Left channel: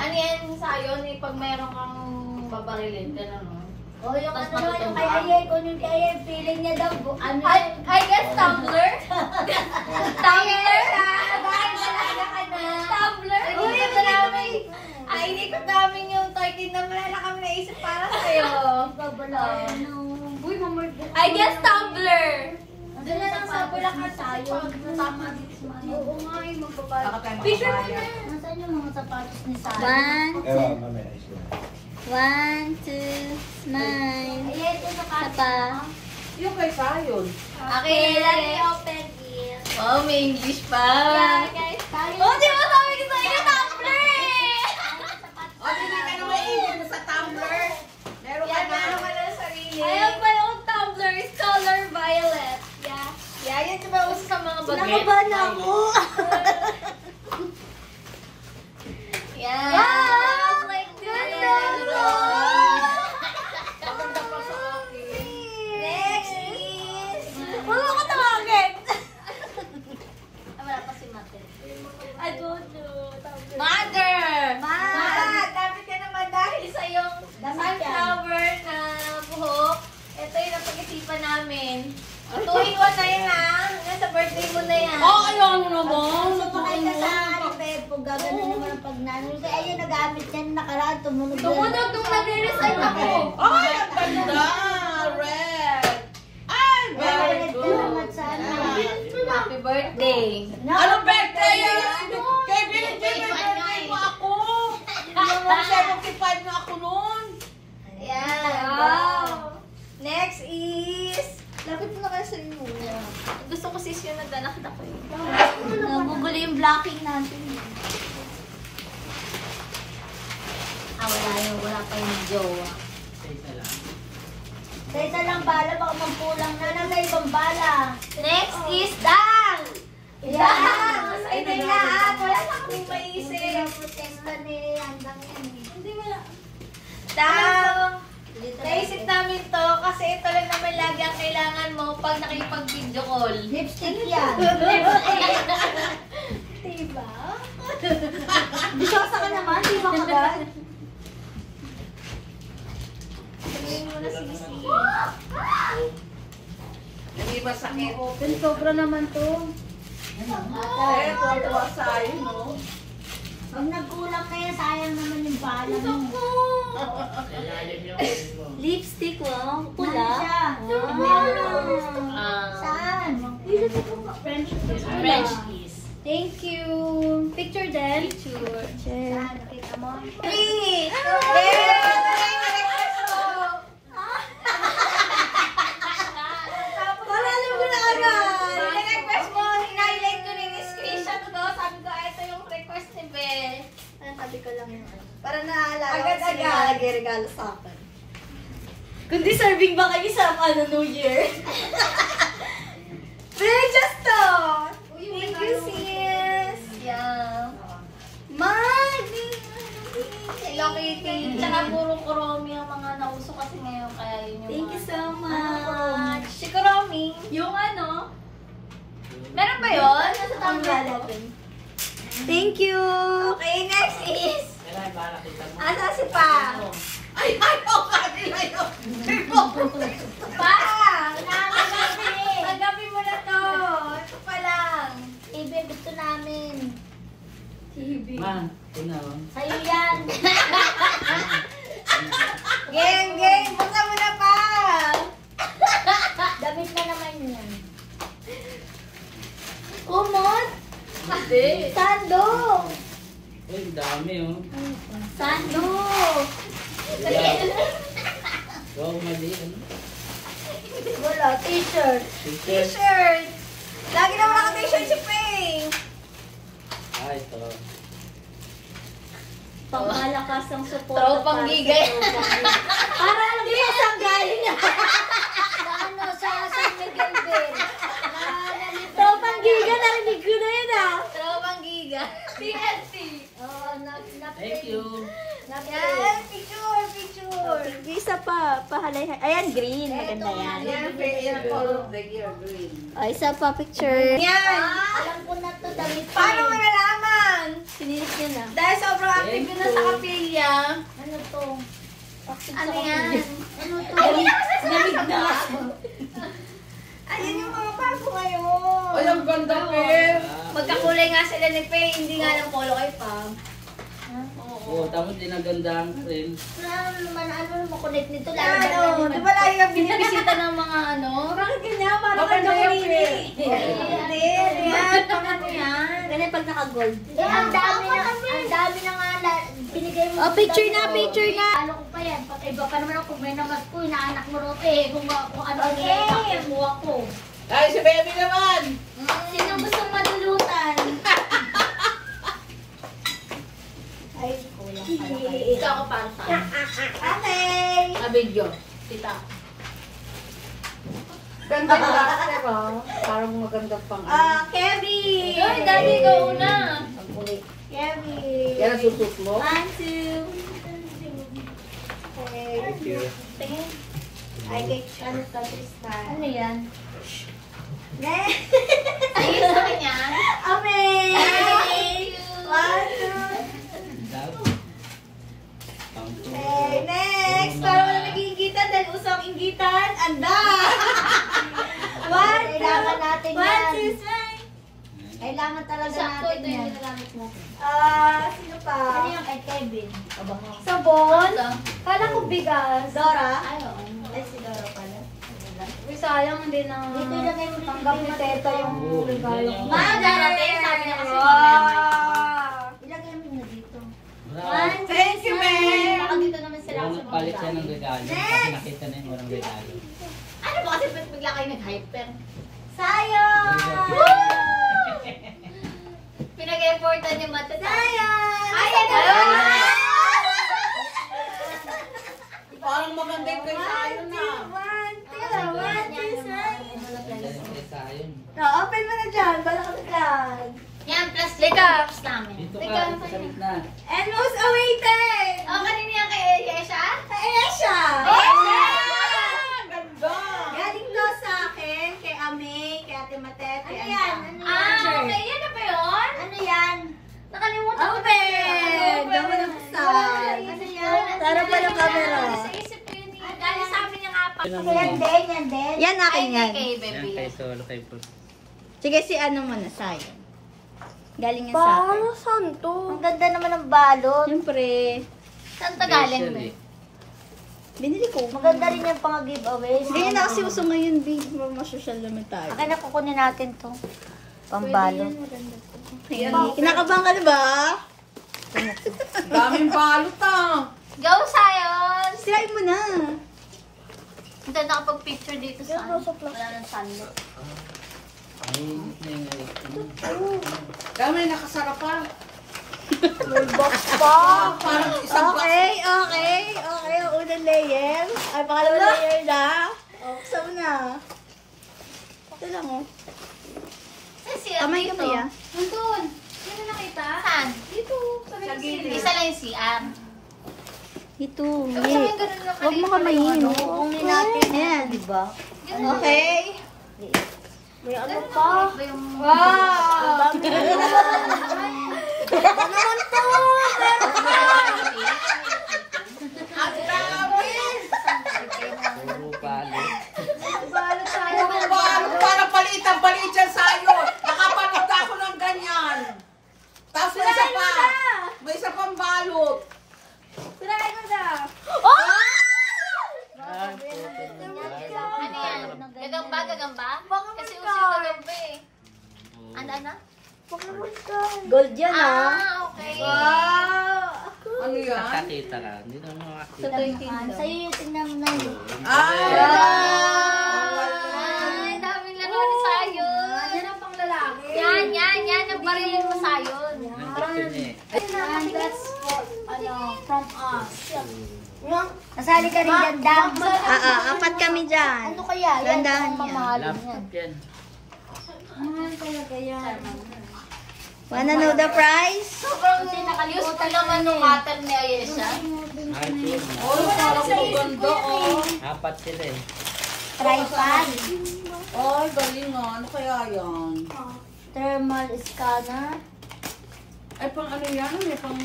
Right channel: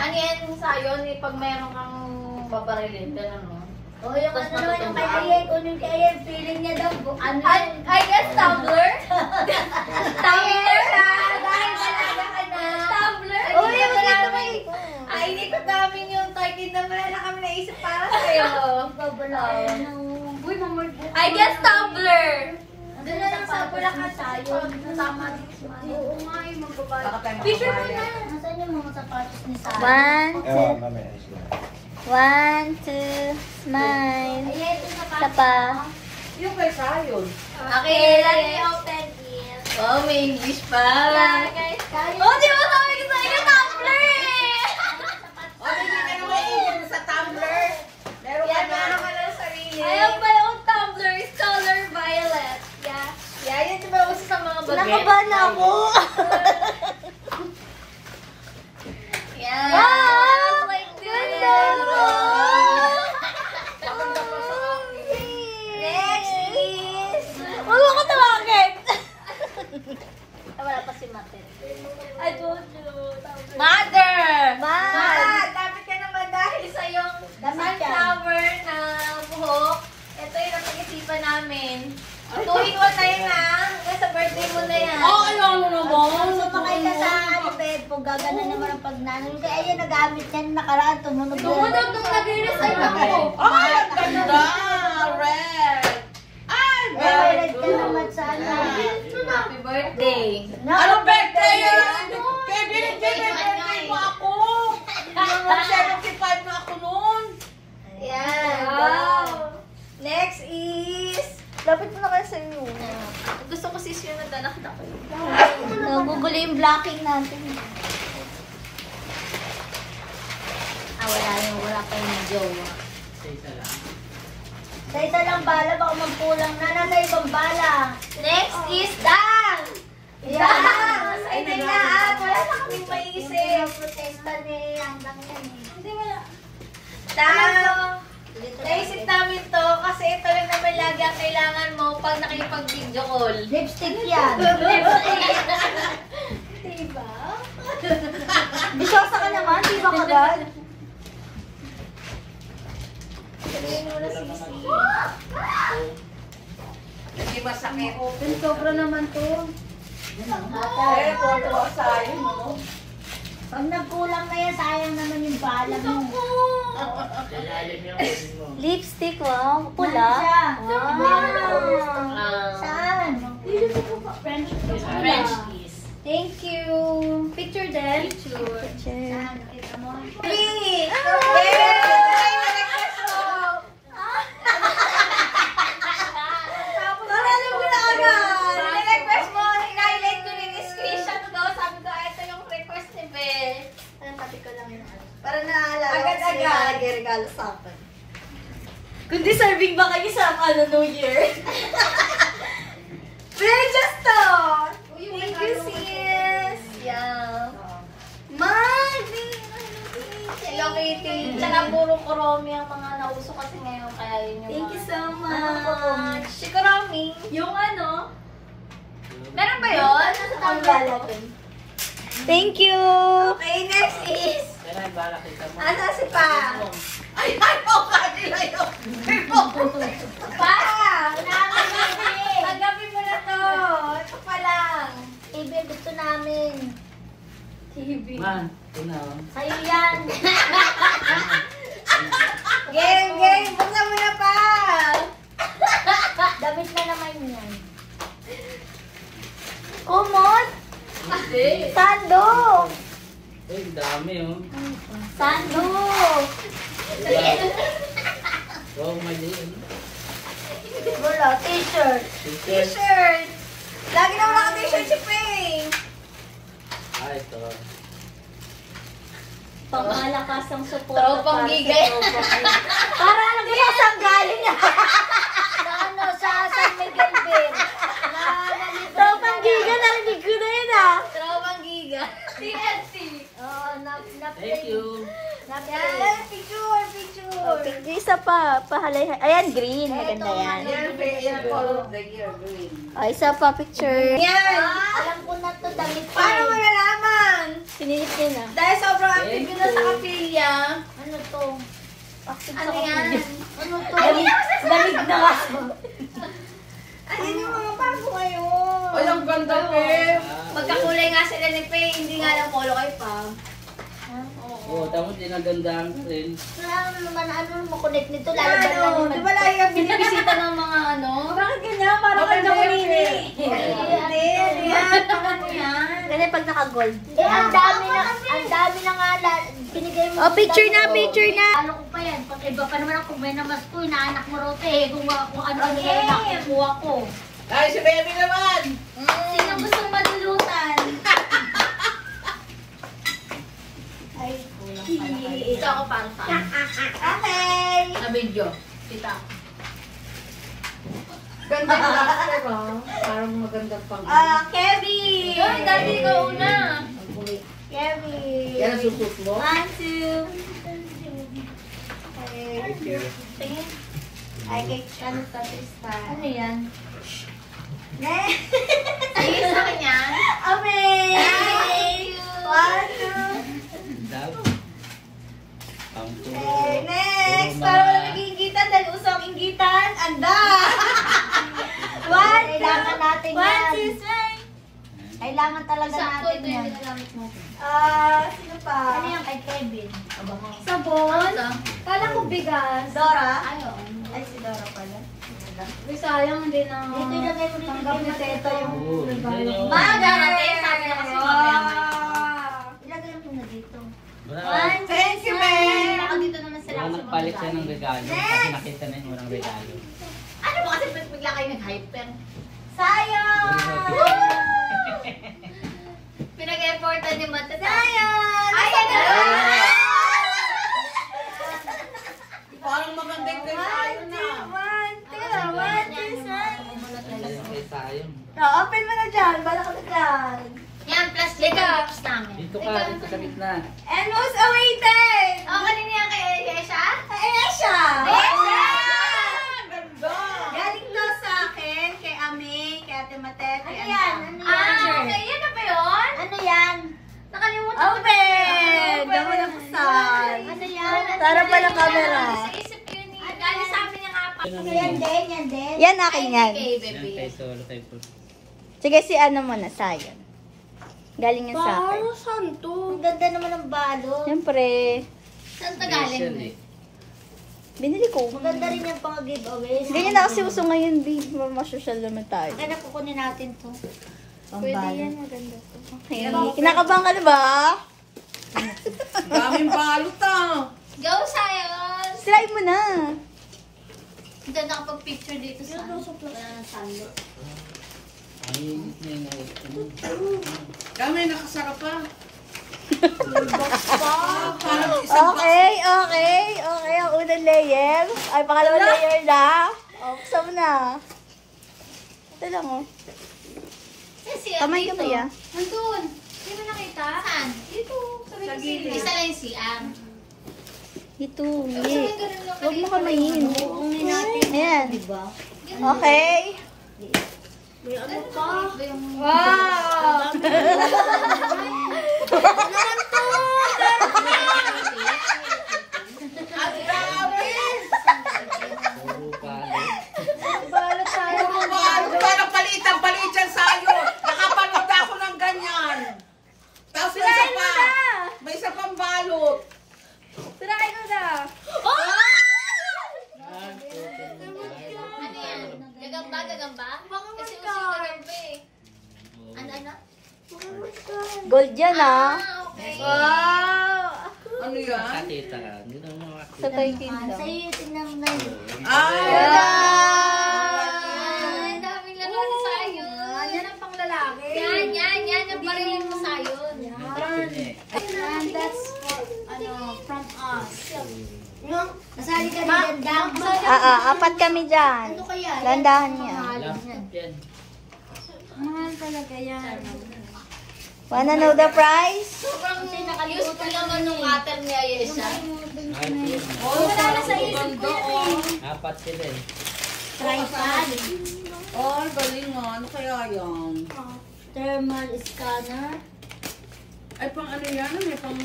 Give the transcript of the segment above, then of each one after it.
Ano yan sa'yo, pag mayroon kang babarilin, gano'n, no? O, yung Tapos ano naman yung kay matutumba. Ayen, kung yung kay Ayen, feeling niya daw, I guess tumbler? Tumbler? Dahil talaga ka na. Tumbler? Inikot namin. Inikot namin yung turkey na wala na kami naisip para sa'yo. Babalawin mo. Uy, mamorbo. I guess tumbler. Doon na lang sa Bulacan tayo. Tama. Oo nga, yung magbabayad. Baka tayo Picture mo magbabayad. na. Nasaan yung mga sapatos ni Sally? One, Ewan, mamaya isla. 1, 2, smile. Ayen, yung Isa sapatos pa. mo. Yung kay Sayon. Okay, Let me open it. Oh, may English pa. Yeah, guys. Tayo. Oh, di ba sabi ko sa inyo, tumbler eh! O, hindi ka naman isip sa tumbler. Meron ka Yan, na. meron ka lang sarili. Eh. I have my own tumbler. It's color violet. Yeah. Yeah, yan diba uso sa mga baget? Nakabahan ako. Yeah. Yes, like this. Maganda pa sa akin. Next is... Wala ko tawagin. Wala pa si Mate. I don't know. Mother! Ma! Dapat ka naman dahil sa yung Damit yan. sunflower na buhok. Ito yung napag-isipan namin. 2-in-1 na yun ah. Hanggang sa birthday mo na yan. ano naman? Sumakay ka sa bed po, gagana naman ang pagnanong. Kaya ayan, nagamit yan nakaraan, tumunog yan. Tumunog nung nag-resign ako. Ay, ang ganda! Red! Ay, very Violet good. ka naman sana. Happy birthday. Anong birthday yan? Kay binigyan may birthday mo ako. Yung 75 na ako noon. Ayan. Wow. Next is... Lapit mo na kayo sa inyo. Gusto ko sis yung nagdanak-dak ko yun. Nagugulo yung blocking natin. Wala pa yung jowa. Sa isa lang bala, baka magkulang na. Nasa ibang bala. Next is Dang! Yan! Ay, na at wala na kaming maisip. Yung protesta ni Andang yan eh. Hindi wala. Dang! Naisip namin to kasi ito lang naman lagi ang kailangan mo pag nakipag-video call. Lipstick yan. Diba? Bisyosa ka naman, di ba kagad? Sabihin mo na sisi. Hindi ba sakit? Open, sobra naman to. Eh, tuwa-tuwa sa'yo, no? Pag nagkulang kaya, sayang naman yung bala mo. Lipstick, wow. Pula. Nasa. Wow. Saan? French kiss. Thank you. Picture din. Picture. Saan? Nakita mo? Please! Alam ko na agad. Request mo, highlight ko yung screenshot ko. Sabi ko, ito yung request ni Beth. Sabi ko lang yun. Para naalala ko Agad-agad. sila nagregalo sa akin. Kung deserving ba kayo sa New Year? Precious to! Thank you, sis! Yeah. Mag! Hello, Kitty. Tsaka puro kuromi ang mga nauso kasi ngayon. Kaya yun yung Thank you mga- so much. Si kuromi. Yung ano? Meron ba yun? Ang bala dun. Thank you. Okay, next is... Kailan ba nakita mo? Asa si Pa? Ay, ano ka nila yun? Pa! Tanggapin mo na to. Ito pa lang. Ibe, gusto namin. Man, tingnan mo. Sa'yo yan. Game, game! Buksan mo na pa! Damit na naman yan. Kumot. Hindi. Sando. Uy, dami oh. Sando. Huwag mali. Wala, t-shirt. T-shirt. T-shirt! Lagi naman naka-t-shirt si Ping! Ah, ito. Pangmalakas ang suporta Tropang para sa gigay. tropang gigay. Para alam ko na saan galing na. Sa ano, sa San Miguel Bay. Tropang gigay, narinig ko na yun ah. Tropang giga. TNT! Oo, Thank you. Yan! Picture! Picture! Isa pa, pahalay. Ayan, green. Maganda yan. Yan, color of the year, green. O, isa pa picture. Yan! Alam ko na to, damit ko Paano mo eh. nalaman? Sinilis din ah. Dahil sobrang active yun na sa Ano yan? Ano to? Ay, hindi na Dalig na nga. Ayun yung mga bago ngayon. Ay, ang ganda, Pep. Magkakulay nga sila ni Faye, hindi nga lang polo kay Pam. Oo, tapos dinagandahan ko rin. Ano naman, ano makunik nito? Ano, Lalo di ba lagi kang binibisita ng mga ano? Bakit ganyan? Parang Bakit kanya ganyan, kanini. Yan, paano yan? Ganyan pag naka-gold. Eh, ang dami na nga, binigay mo. Oh, picture na, picture na. Ano ko pa yan? Iba pa naman ako, may namas ko, inaanak mo rote. Kung ano-ano yan, nakukuha ko. Ay, si Baby naman. Sino gustong madulutan? Ay, kulang pala kayo. Ito ako para sa akin. Okay. Sa video. Tita. Ganda yung last, diba? Parang maganda pang... Kevin! Ay, dali ka una. Ang kulit. Kevin! Yan ang susut mo. 1, 2. Thank you. Ay, kay ano ka, Tristan? Ano yan? Next! Ay, sa akin yan. Amen! Thank you. Dab. Pangto. Okay, next! Para wala naging inggitan dahil usang inggitan. Anda! Kailangan natin yan. Kailangan talaga Sakto, natin ito yung yan. ginagamit natin. Sino pa? Ano yung kay Kevin? Sabon? Ito. Kala ko bigas. Dora? Ayun. Ay, si Dora pala. Uy, sayang hindi na. Dito ilagay mo tanggap ni Teta yung Oo, regalo. yun. Darating, sabi niya kasi mamaya. Ilagay mo na dito. Bravo. Thank you, Ma'am. Saka dito naman sila Walang kasi nagpalit siya ng magkakain. regalo. Kasi nakita na yung walang regalo. Ano ba kasi bigla kayo nag-hyper? Sayang! Pinag-effortan ni Mata. Sayang! Ay, ano? Parang maganda yung kay Sayo na. Sayang. Open mo na dyan. Bala ka na dyan. Yan, plus lips namin. Dito ka, dito sa gitna. And most awaited! Oh, kanina yan kay Yesha? Aesha! Aesha! Ganda. Galing to sa akin, kay Ame, kay Ate Matet, kay Anta. Ah, okay. Yan na ba yun? Ano yan? Nakalimutan ko. Open! Damo na kusay. Ano yan? Para pala camera. Sa isip ko yun eh. Dali sa amin yung apat. Yan din, yan din. Yan akin Ay, yan. kay Yan baby. kay Solo, kay Pro. Sige, si ano muna, Sayon. Galing yan sa akin. saan to? Ang ganda naman ng balot. Siyempre, Saan to galing? Special Be? eh. binili ko. Maganda rin yung pang giveaway. Ganyan na kasi uso ngayon, B. Mga-social naman tayo. Kaya kukunin natin to. Pwede Pambalot. yan, maganda to. Okay. Kinakabahan ka na ba? Daming balot ah. Go, Sayon! Try mo na. Hindi nakapag-picture dito sa wala nang salo. Ay, na yung Kami nakasarapan. Parang isang Okay. Ang unang layer. Ay, pangalawang layer na. O, buksan mo na. Ito lang, oh. Kamay ka ba ya? Nandun. Sino nakita? Saan? Dito. Sa gilid. Isa lang yung CR. Ito. Sabi yung ganun lang. Huwag mo kamayin. kukunin natin. Ayan. Diba? Okay. May ano pa? Wow! Ang dami. puro palit. Balot tayo. Puro balot. Parang palit yan Sayo. Nakapalit na ako ng ganyan. Tapos may isa pa. May isa pang balot. Try ko na. Ano yan? Gagamba? Kasi uso yung gagamba eh. Ano? Gold yan, ah. Okay. Wow! Ano yan? Nakakita ka. Hindi na Sa makakita. Toy Kingdom. Sa'yo yung tingnan mo na yun. Ay! Ay, daming laro ni Sayon. Yan ang pang lalaki. Yan. Ang barilan mo Sayon. And that's from us. Nasali ka rin dyan, Dam. Apat kami dyan. Ano kaya? Landahan niya. Laptop yan. Mahal talaga yan. Wanna know the price? Sobrang useful naman nung cutter ni Ayesha. Oh, parang maganda oh. Apat sila eh. Tripod. Ay, galing nga. Ano kaya yan? Thermal scanner. Ay, pang ano yan? May pang...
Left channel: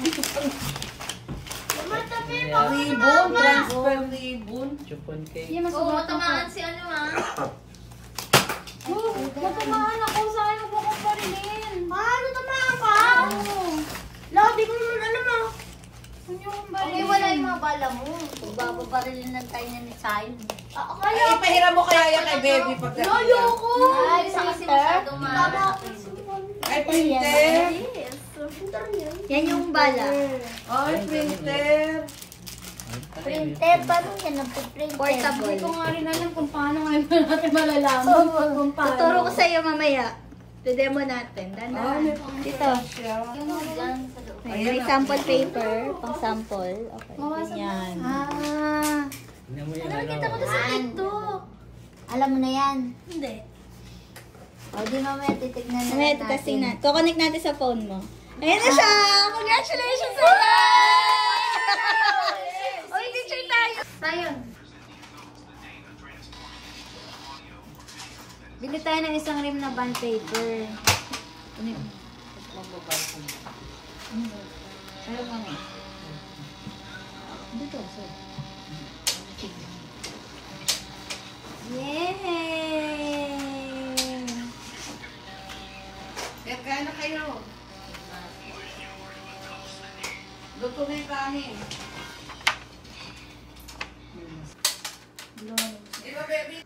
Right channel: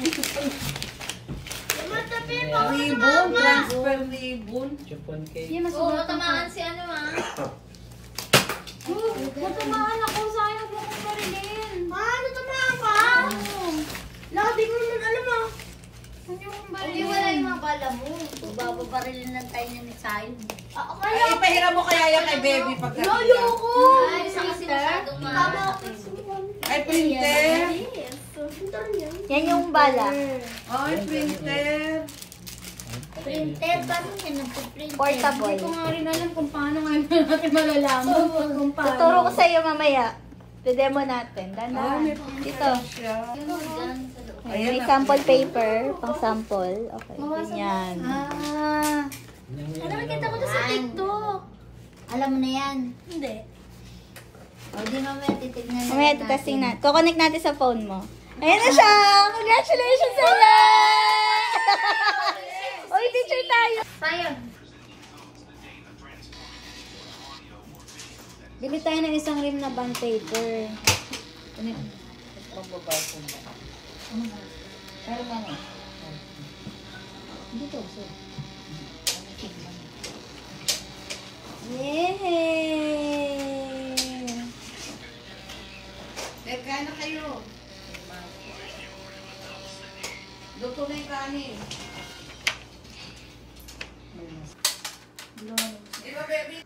Ribbon, transfer ribbon. Chupon cake. Oo, matamaan si ano Matamaan ako, sayang ko kung parilin. Natamaan ka? Labi ko naman alam ah. Okay, wala yung mga bala mo. Bago parilin ng tayo na ni Sayon. Ay, ipahiram mo kaya yan kay baby pagdating. Ay, sa kasi masyadong mahal. Ay, printer. Yan yung bala. Ay, printer. Printed, paano yan nagpiprinted? Portable. Hindi ko nga rin alam kung paano ngayon natin malalaman kung paano. Tuturo ko sa'yo mamaya. Demo natin. Dandahan. Dito. Ay, may sample paper. Pang sample. Okay. Yan. Ano Nakita ko na sa TikTok. Alam mo na yan. Hindi. O, di mamaya titignan na Mamaya testing na. Kukonek natin sa phone mo. Ayan na siya! Congratulations sa Uy, teacher tayo! Sayang. Bili tayo ng isang rim na bond paper. Pero nga na. Dito, sir. Yay! Kaya na kayo. Luto na yung kanin. Diba, baby?